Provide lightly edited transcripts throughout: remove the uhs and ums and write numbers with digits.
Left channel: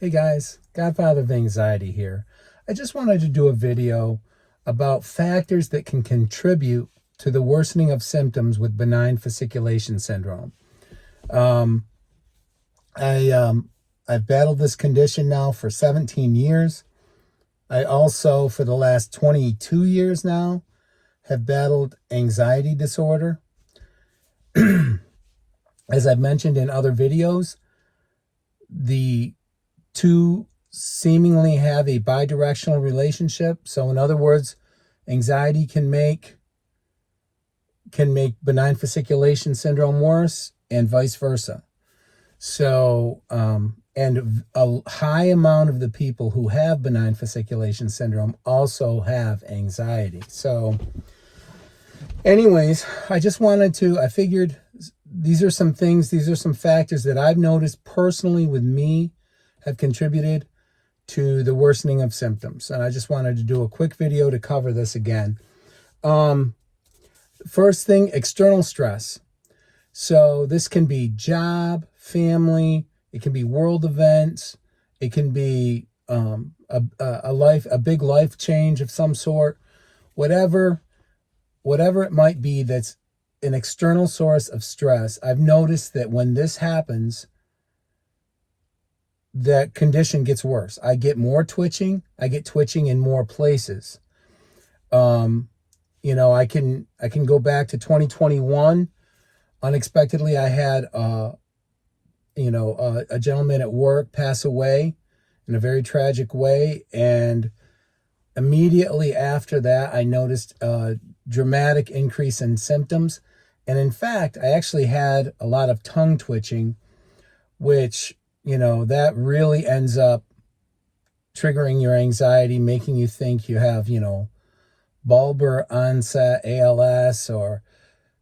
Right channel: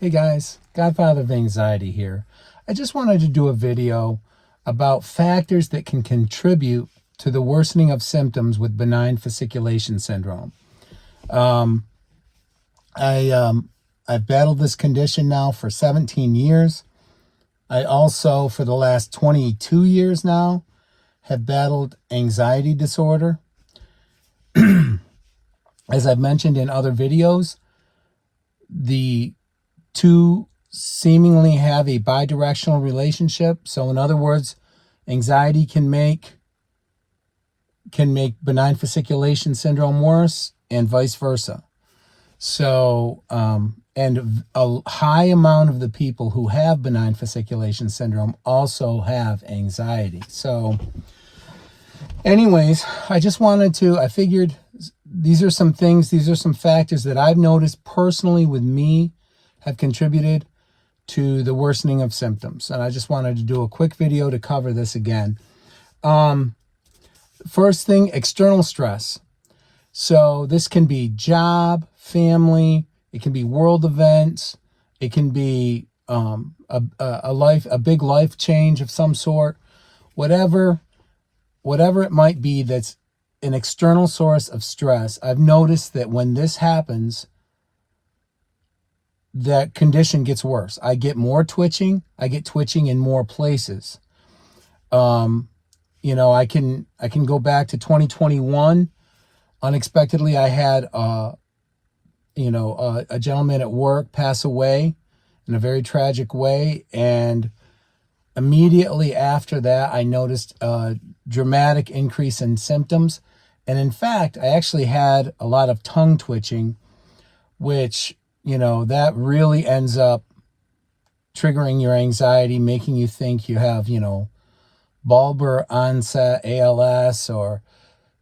Hey guys, Godfather of Anxiety here. I just wanted to do a video about factors that can contribute to the worsening of symptoms with benign fasciculation syndrome. Um, I've battled this condition now for 17 years. I also, for the last 22 years now, have battled anxiety disorder. As I've mentioned in other videos, the two seemingly have a bidirectional relationship. So in other words, anxiety can make benign fasciculation syndrome worse and vice versa. So and a high amount of the people who have benign fasciculation syndrome also have anxiety. So anyways, I figured these are some factors that I've noticed personally with me have contributed to the worsening of symptoms. And I just wanted to do a quick video to cover this again. First thing, external stress. So this can be job, family, it can be world events, it can be a big life change of some sort, whatever it might be that's an external source of stress. I've noticed that when this happens, the condition gets worse. I get more twitching. I get twitching in more places. I can go back to 2021. Unexpectedly, I had a gentleman at work pass away in a very tragic way, and immediately after that, I noticed a dramatic increase in symptoms. And in fact, I actually had a lot of tongue twitching, which, that really ends up triggering your anxiety, making you think you have, bulbar onset ALS, or,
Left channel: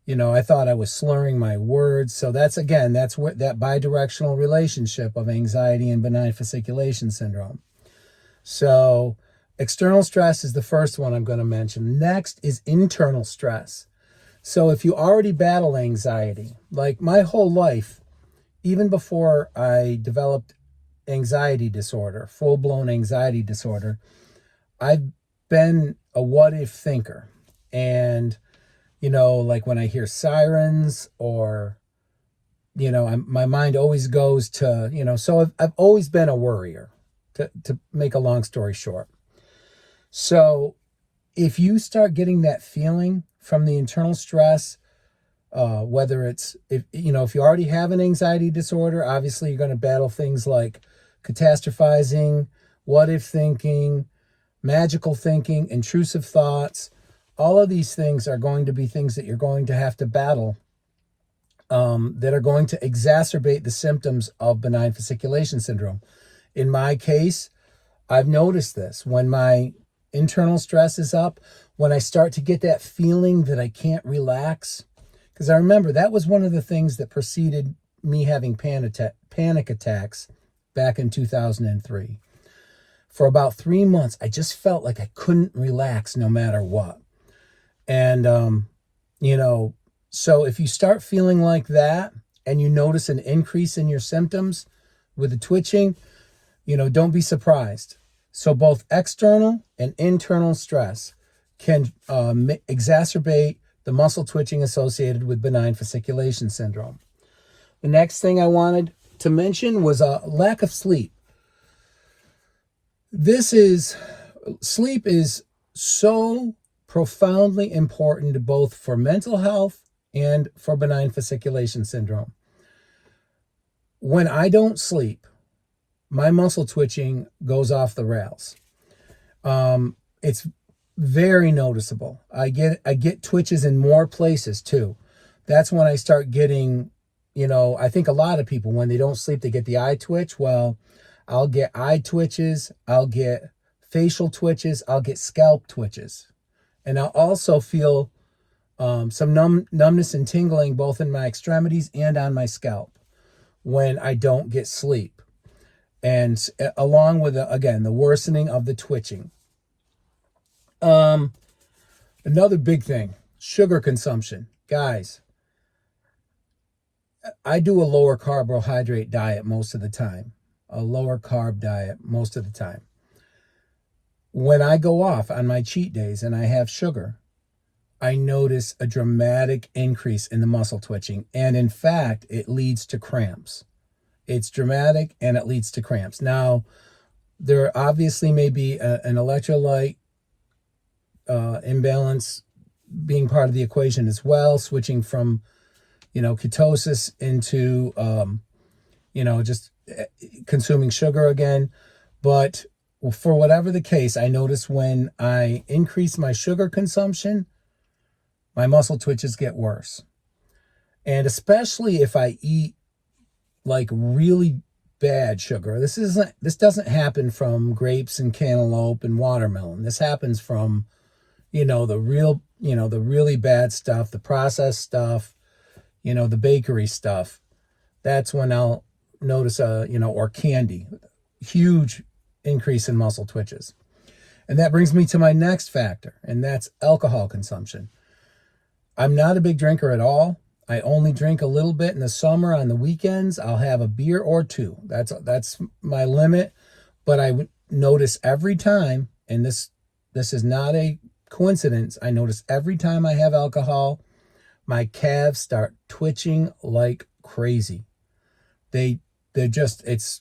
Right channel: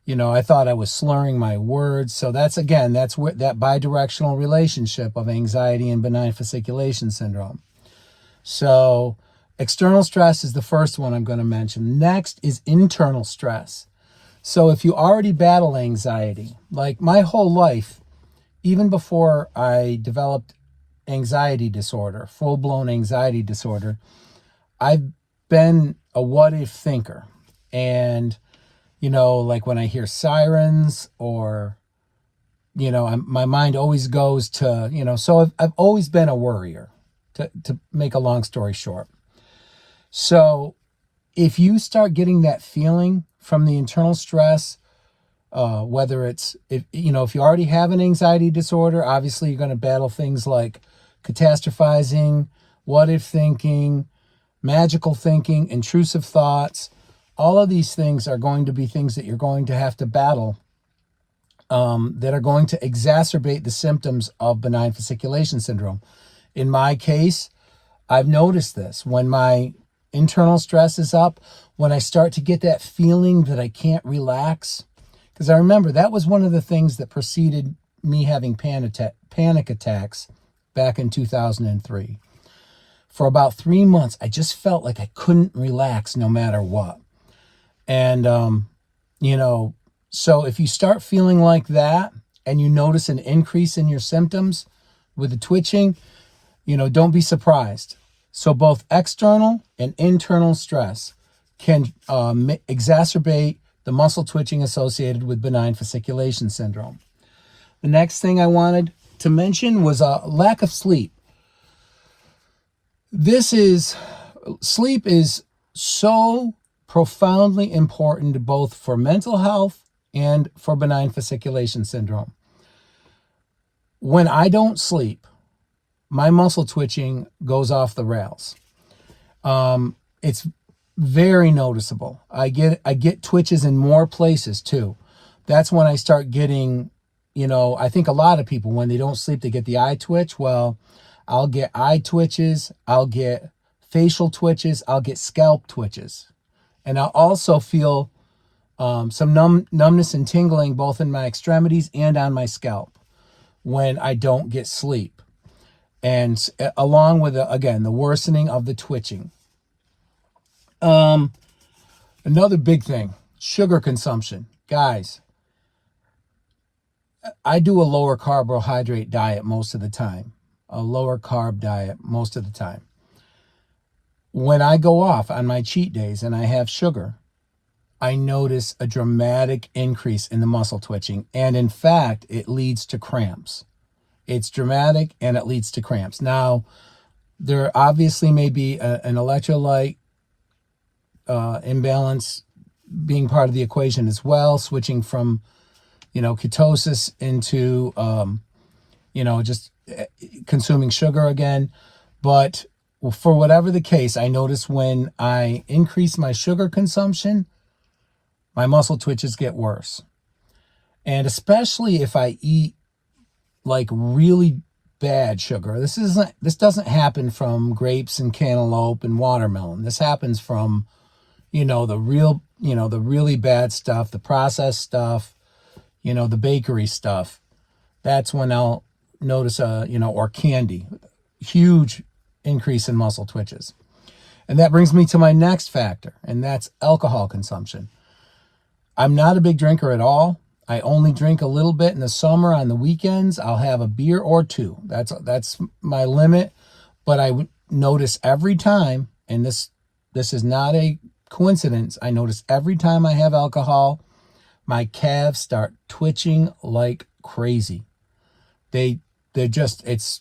I thought I was slurring my words. So that's where that bidirectional relationship of anxiety and benign fasciculation syndrome. So external stress is the first one I'm going to mention. Next is internal stress. So if you already battle anxiety, like my whole life, even before I developed anxiety disorder, full-blown anxiety disorder, I've been a what-if thinker. And, like when I hear sirens or, my mind always goes to, so I've always been a worrier, to make a long story short. So if you start getting that feeling from the internal stress, whether it's, if you already have an anxiety disorder, obviously you're going to battle things like catastrophizing, what if thinking, magical thinking, intrusive thoughts. All of these things are going to be things that you're going to have to battle, that are going to exacerbate the symptoms of benign fasciculation syndrome. In my case, I've noticed this. When my internal stress is up, when I start to get that feeling that I can't relax, because I remember that was one of the things that preceded me having panic attacks back in 2003. For about 3 months, I just felt like I couldn't relax no matter what. And, so if you start feeling like that and you notice an increase in your symptoms with the twitching, don't be surprised. So both external and internal stress can exacerbate the muscle twitching associated with benign fasciculation syndrome. The next thing I wanted to mention was a lack of sleep. Sleep is so profoundly important both for mental health and for benign fasciculation syndrome. When I don't sleep, my muscle twitching goes off the rails. It's very noticeable. I get twitches in more places too. That's when I start getting, I think a lot of people, when they don't sleep, they get the eye twitch. Well, I'll get eye twitches, I'll get facial twitches, I'll get scalp twitches. And I'll also feel some numbness and tingling both in my extremities and on my scalp when I don't get sleep. And along with, again, the worsening of the twitching. Another big thing, sugar consumption. Guys, I do a lower carbohydrate diet most of the time. a lower carb diet most of the time. When I go off on my cheat days and I have sugar, I notice a dramatic increase in the muscle twitching. And in fact, it leads to cramps. It's dramatic and it leads to cramps. Now, there obviously may be an electrolyte imbalance being part of the equation as well, switching from, ketosis into, just consuming sugar again. But for whatever the case, I notice when I increase my sugar consumption, my muscle twitches get worse. And especially if I eat like really bad sugar. This doesn't happen from grapes and cantaloupe and watermelon. This happens from, the really bad stuff, the processed stuff, the bakery stuff. That's when I'll notice or candy, huge increase in muscle twitches. And that brings me to my next factor, and that's alcohol consumption. I'm not a big drinker at all. I only drink a little bit in the summer. On the weekends, I'll have a beer or two. That's my limit. But I would notice every time, and this is not a coincidence, I notice every time I have alcohol, my calves start twitching like crazy. It's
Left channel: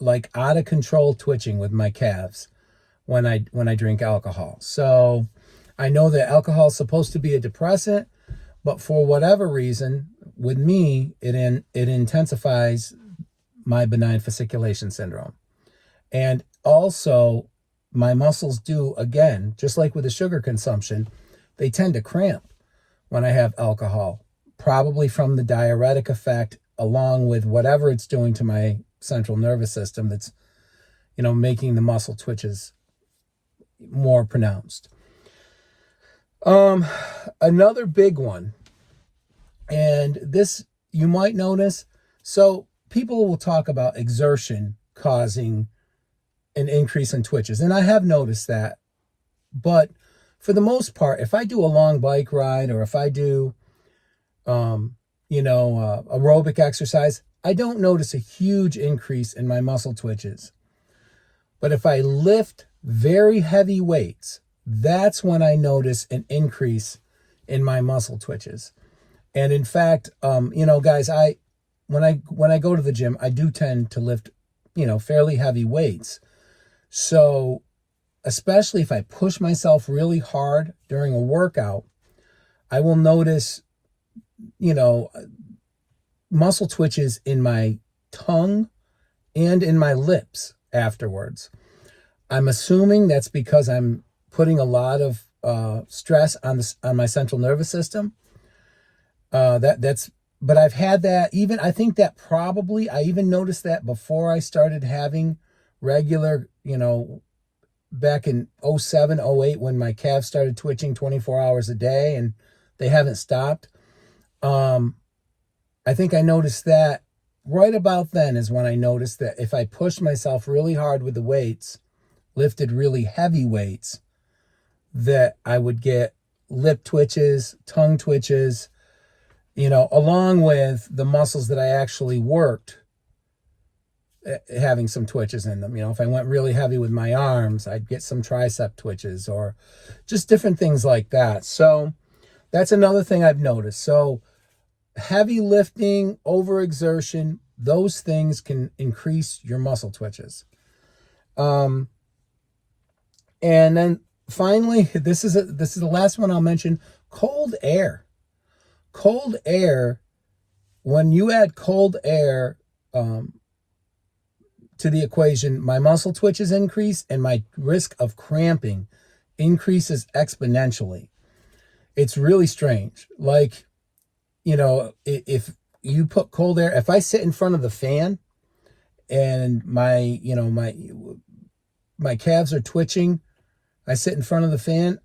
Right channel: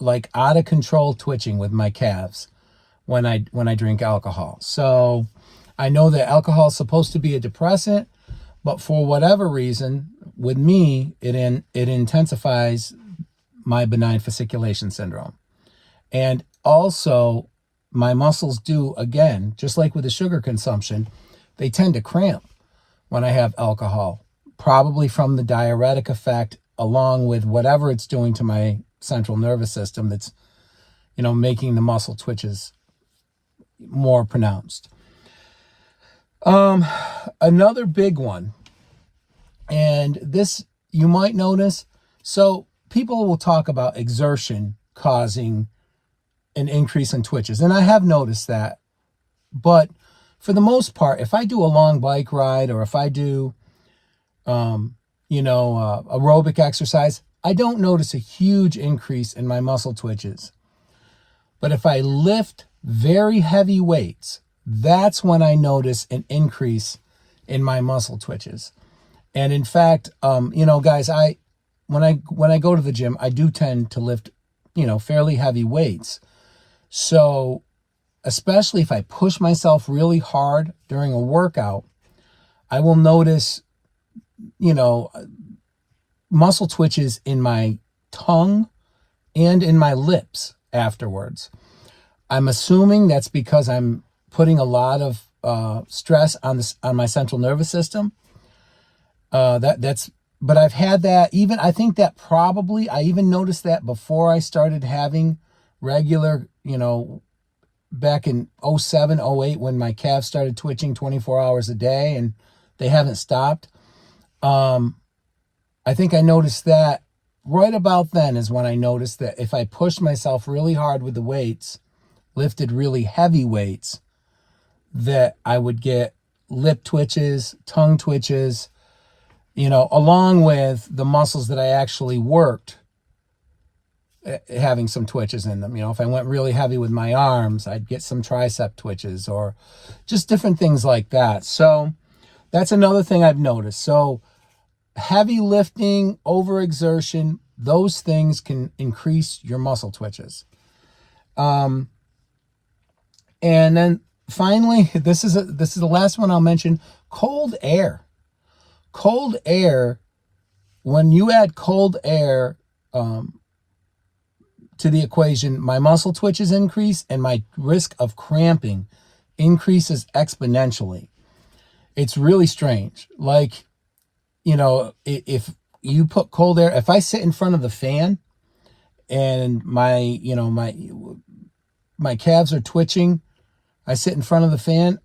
like out of control twitching with my calves when I drink alcohol. So I know that alcohol is supposed to be a depressant, but for whatever reason, with me, it intensifies my benign fasciculation syndrome. And also, my muscles do, again, just like with the sugar consumption, they tend to cramp when I have alcohol, probably from the diuretic effect, along with whatever it's doing to my central nervous system that's, making the muscle twitches more pronounced. Another big one, and this you might notice, so people will talk about exertion causing an increase in twitches, and I have noticed that, but for the most part, if I do a long bike ride or if I do, aerobic exercise, I don't notice a huge increase in my muscle twitches. But if I lift very heavy weights, that's when I notice an increase in my muscle twitches. And in fact, guys, when I go to the gym, I do tend to lift, fairly heavy weights. So especially if I push myself really hard during a workout, I will notice, muscle twitches in my tongue and in my lips afterwards. I'm assuming that's because I'm putting a lot of stress on my central nervous system. But I've had that I think that probably, I even noticed that before I started having regular, back in 07, 08, when my calves started twitching 24 hours a day and they haven't stopped. I think I noticed that right about then is when I noticed that if I pushed myself really hard with the weights, lifted really heavy weights, that I would get lip twitches, tongue twitches, along with the muscles that I actually worked, having some twitches in them. If I went really heavy with my arms, I'd get some tricep twitches or just different things like that. So that's another thing I've noticed. So heavy lifting, overexertion, those things can increase your muscle twitches. And then finally, this is the last one I'll mention, cold air. Cold air, when you add cold air to the equation, my muscle twitches increase and my risk of cramping increases exponentially. It's really strange. Like, if you put cold air, if I sit in front of the fan and my calves are twitching, I sit in front of the fan,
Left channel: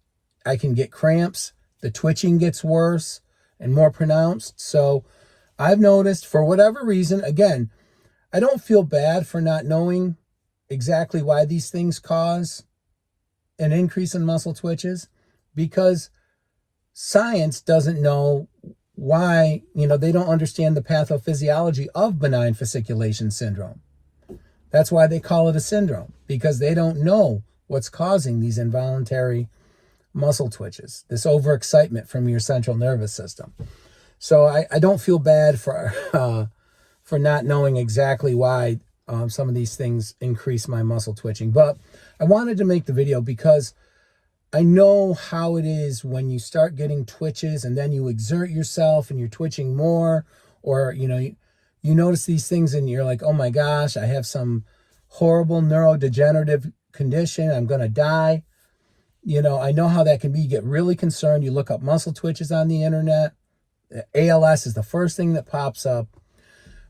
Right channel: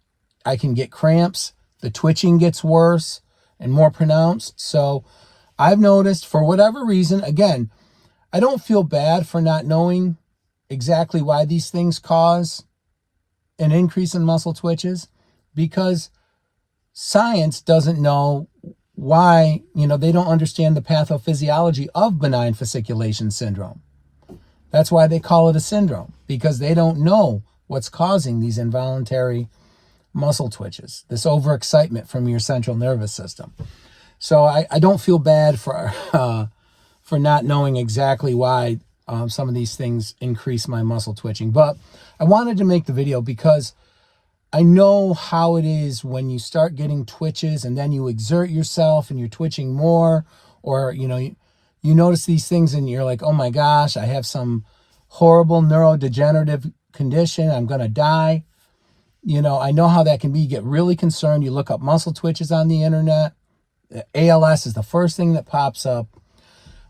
I can get cramps. The twitching gets worse and more pronounced. So I've noticed, for whatever reason, again, I don't feel bad for not knowing exactly why these things cause an increase in muscle twitches, because science doesn't know why, they don't understand the pathophysiology of benign fasciculation syndrome. That's why they call it a syndrome, because they don't know what's causing these involuntary muscle twitches, this overexcitement from your central nervous system. So I don't feel bad for not knowing exactly why some of these things increase my muscle twitching. But I wanted to make the video because I know how it is when you start getting twitches and then you exert yourself and you're twitching more, or, you know, you notice these things and you're like, oh my gosh, I have some horrible neurodegenerative condition. I'm going to die. You know, I know how that can be. You get really concerned. You look up muscle twitches on the internet. ALS is the first thing that pops up.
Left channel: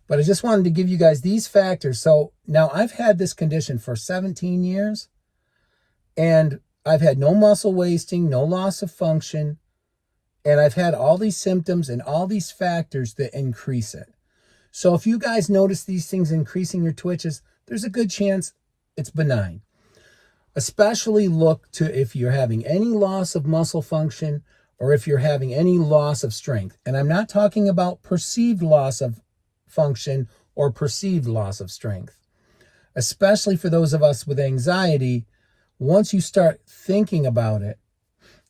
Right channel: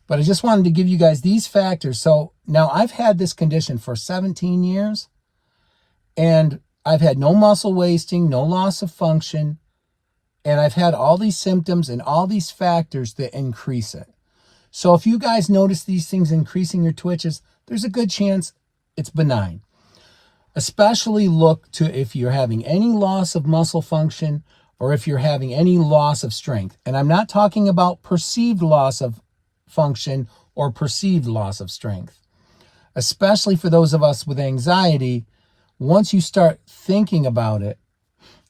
But I just wanted to give you guys these factors. So now I've had this condition for 17 years, and I've had no muscle wasting, no loss of function, and I've had all these symptoms and all these factors that increase it. So if you guys notice these things increasing your twitches, there's a good chance it's benign. Especially look to if you're having any loss of muscle function or if you're having any loss of strength. And I'm not talking about perceived loss of function or perceived loss of strength. Especially for those of us with anxiety, once you start thinking about it,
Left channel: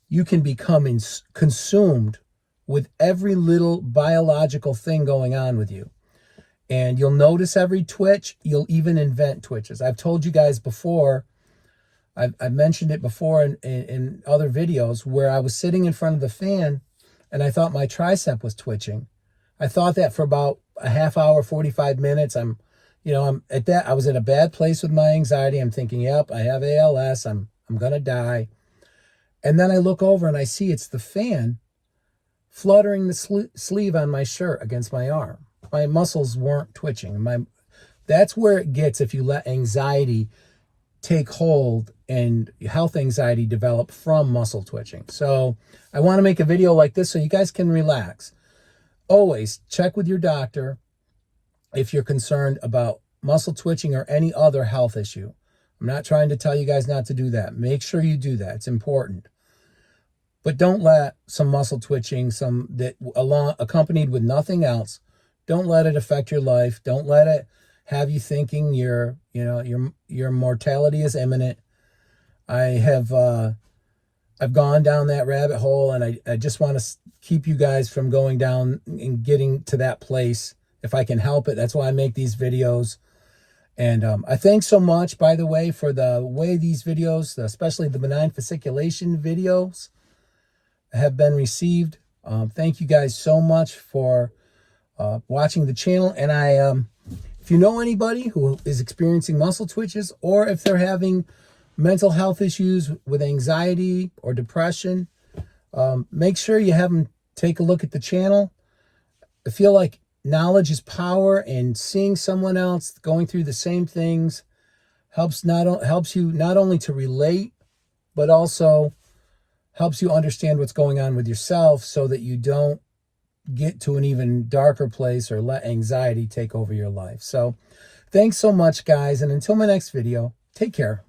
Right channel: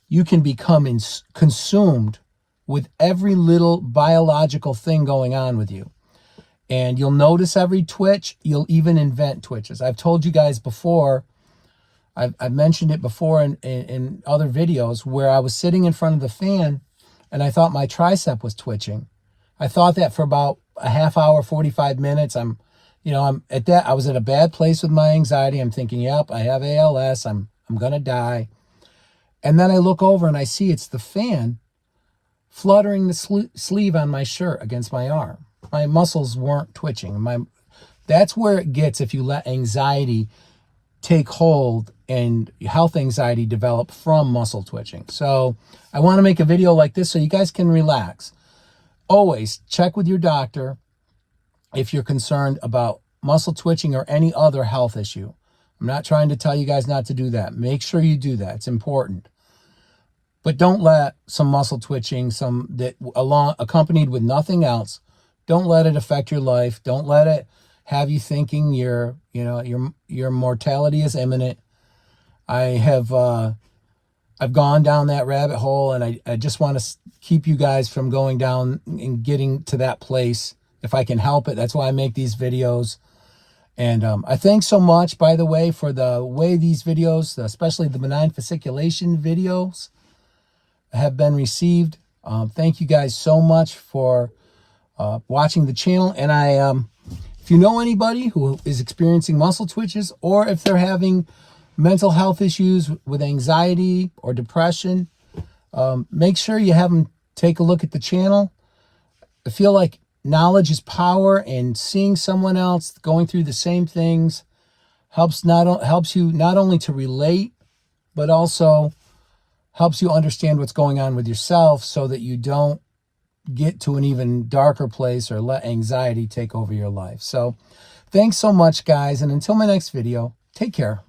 you can become consumed with every little biological thing going on with you. And you'll notice every twitch. You'll even invent twitches. I've told you guys before, I've mentioned it before in other videos, where I was sitting in front of the fan and I thought my tricep was twitching. I thought that for about a half hour, 45 minutes. I was at a bad place with my anxiety. I'm thinking, yep, I have ALS. I'm going to die. And then I look over and I see it's the fan fluttering the sleeve on my shirt against my arm. My muscles weren't twitching. That's where it gets if you let anxiety take hold and health anxiety develop from muscle twitching. So I want to make a video like this so you guys can relax. Always check with your doctor if you're concerned about muscle twitching or any other health issue. I'm not trying to tell you guys not to do that. Make sure you do that. It's important. But don't let some muscle twitching, accompanied with nothing else, don't let it affect your life. Don't let it have you thinking your mortality is imminent. I've gone down that rabbit hole, and I just want to keep you guys from going down and getting to that place if I can help it. That's why I make these videos. And I thank so much, by the way, for the way these videos, especially the benign fasciculation videos, have been received. Thank you guys so much for watching the channel. And if you know anybody who is experiencing muscle twitches, or if they're having mental health issues with anxiety or depression, make sure you have them take a look at the channel. I feel like knowledge is power, and seeing someone else going through the same things helps you not only to relate, but also helps you understand what's going on with yourself, so that you don't get to an even darker place or let anxiety take over your life. So thanks so much, guys. And until my next video, take care.